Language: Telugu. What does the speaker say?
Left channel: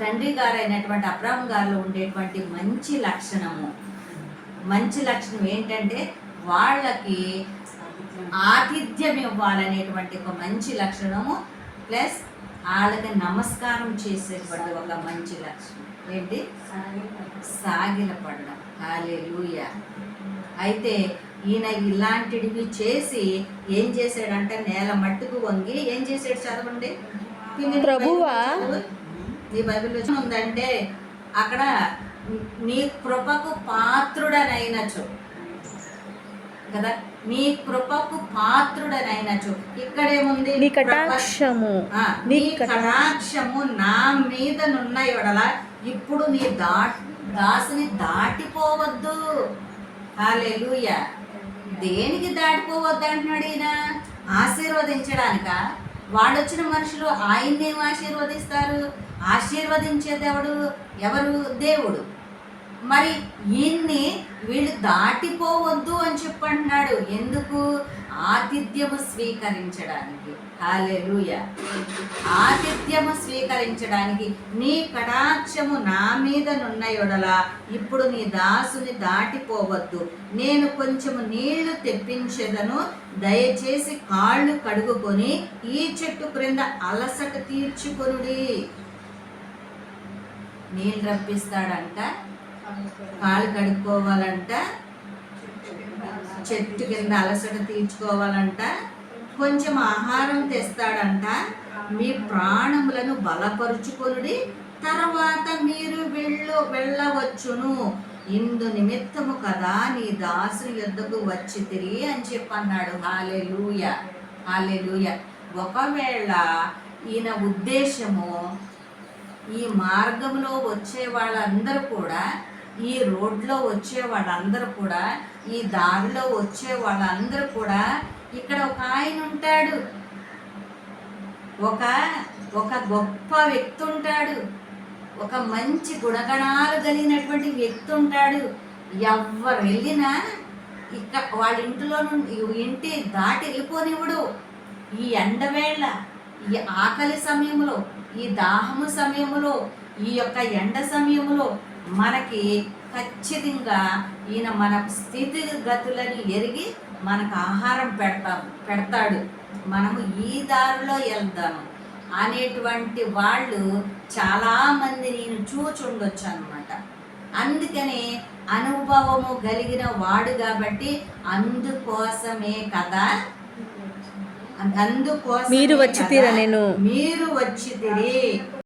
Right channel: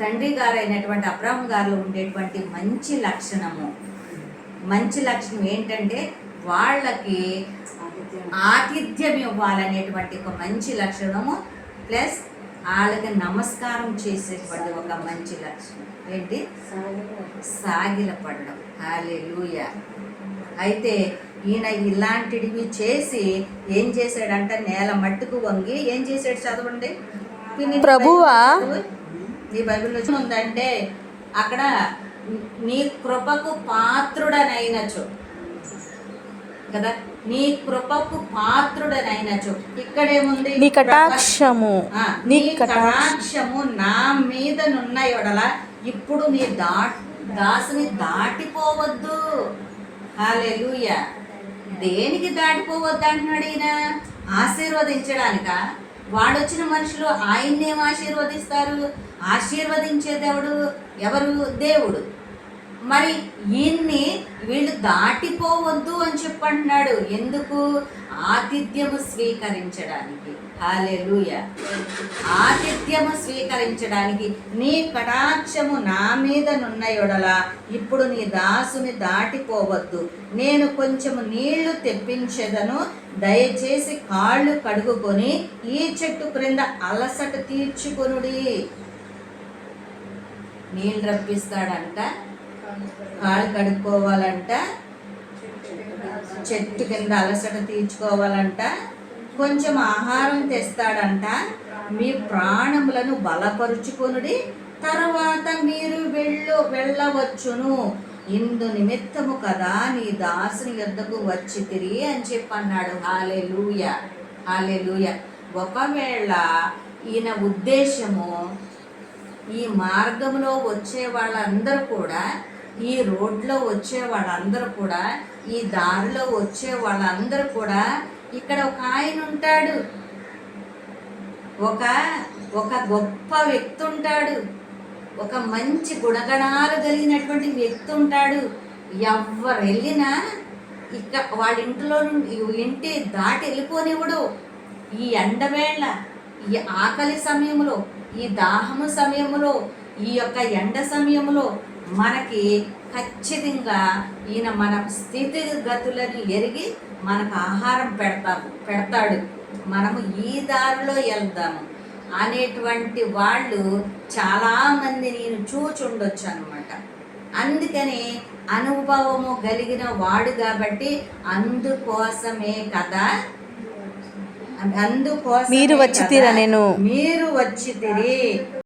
తండ్రి గారైనటువంటి అబ్రాహం గారిలో ఉండేటువంటి మంచి లక్షణం ఏంటంటే వాళ్ళకి ఆతిథ్యం ఇవ్వాలనేటువంటి ఒక మంచి లక్షణము, ప్లస్ వాళ్ళకి నమస్కారం చేసేటువంటి ఒక మంచి లక్షణం ఏంటి? సాగిలపడడం. హల్లెలూయా. అయితే ఈయన ఇలాంటివి చేసి ఏం చేశాడంటే నేల మట్టుకు వంగి ఏం చేశాడు? చదవండి. ప్రభువా, నీ బైబిల్లో ఉందంటే అక్కడ నీ కృపకు పాత్రుడనైనచో కదా, నీ కృపకు పాత్రుడనైనచో. ఇక్కడేముంది? నీ కటాక్షము నా మీద నున్న ఎడల ఇప్పుడు నీ దాసుని దాటిపోవద్దు. హల్లెలూయా. దేనికి దాటిపోవద్దు అంటున్నాడు ఈయన? ఆశీర్వదించడానిక? వాడొచ్చిన మనుషులు ఆయన్నేం ఆశీర్వదిస్తారు? ఆశీర్వదించేదేవుడు ఎవరు? దేవుడు. మరి ఈయన్ని వీళ్ళు దాటిపోవద్దు అని చెప్పంటున్నాడు. ఎందుకు? ఆతిథ్యము స్వీకరించడానికి. హల్లెలూయా. ఆతిథ్యము స్వీకరించడానికి. నీ కటాక్షము నా మీద నున్న యెడల ఇప్పుడు నీ దాసుని దాటిపోవద్దు. నేను కొంచెము నీళ్లు తెప్పించెదను, దయచేసి కాళ్ళు కడుగుకొని ఈ చెట్టు క్రింద అలసట తీర్చుకొనుడి. నీళ్ళు రప్పిస్తాడంట, కాళ్ళు కడుక్కోవాలంట, చెట్టు కింద అలసట తీర్చుకోవాలంట, కొంచెం ఆహారం తెస్తాడంట. మీ ప్రాణములను బలపరుచుకొనుడి, తర్వాత మీరు వెళ్ళవచ్చును. ఇందు నిమిత్తము కదా నీ దాసుని యొద్దకు వచ్చి తిరిగి అని చెప్పి అన్నాడు. హల్లెలూయా. హల్లెలూయా. ఒకవేళ ఈయన ఉద్దేశము ఈ మార్గంలో వచ్చే వాళ్ళందరూ కూడా, ఈ రోడ్లో వచ్చే వాళ్ళందరూ కూడా, ఈ దారిలో వచ్చే వాళ్ళందరూ కూడా, ఇక్కడ ఒక ఆయన ఉంటాడు, ఒక గొప్ప వ్యక్తి ఉంటాడు, ఒక మంచి గుణగణాలు కలిగినటువంటి వ్యక్తి ఉంటాడు. ఎవరు వెళ్ళినా వాళ్ళ ఇంటిలో నుండి ఇంటి దాటి వెళ్ళిపోనివ్వడు. ఈ ఎండవేళ, ఈ ఆకలి సమయంలో, ఈ దాహము సమయంలో, ఈ యొక్క ఎండ సమయంలో మనకి ఖచ్చితంగా ఈయన మన స్థితిగతులను ఎరిగి మనకు ఆహారం పెడతాడు. మనము ఈ దారిలో వెళ్దాము అనేటువంటి వాళ్ళు చాలామంది నేను చూచుండొచ్చు అనమాట. అందుకని అనుభవము కలిగిన వాడు కాబట్టి అందుకోసమే కదా, మీరు వచ్చి తీరా, నేను మీరు వచ్చి తిరి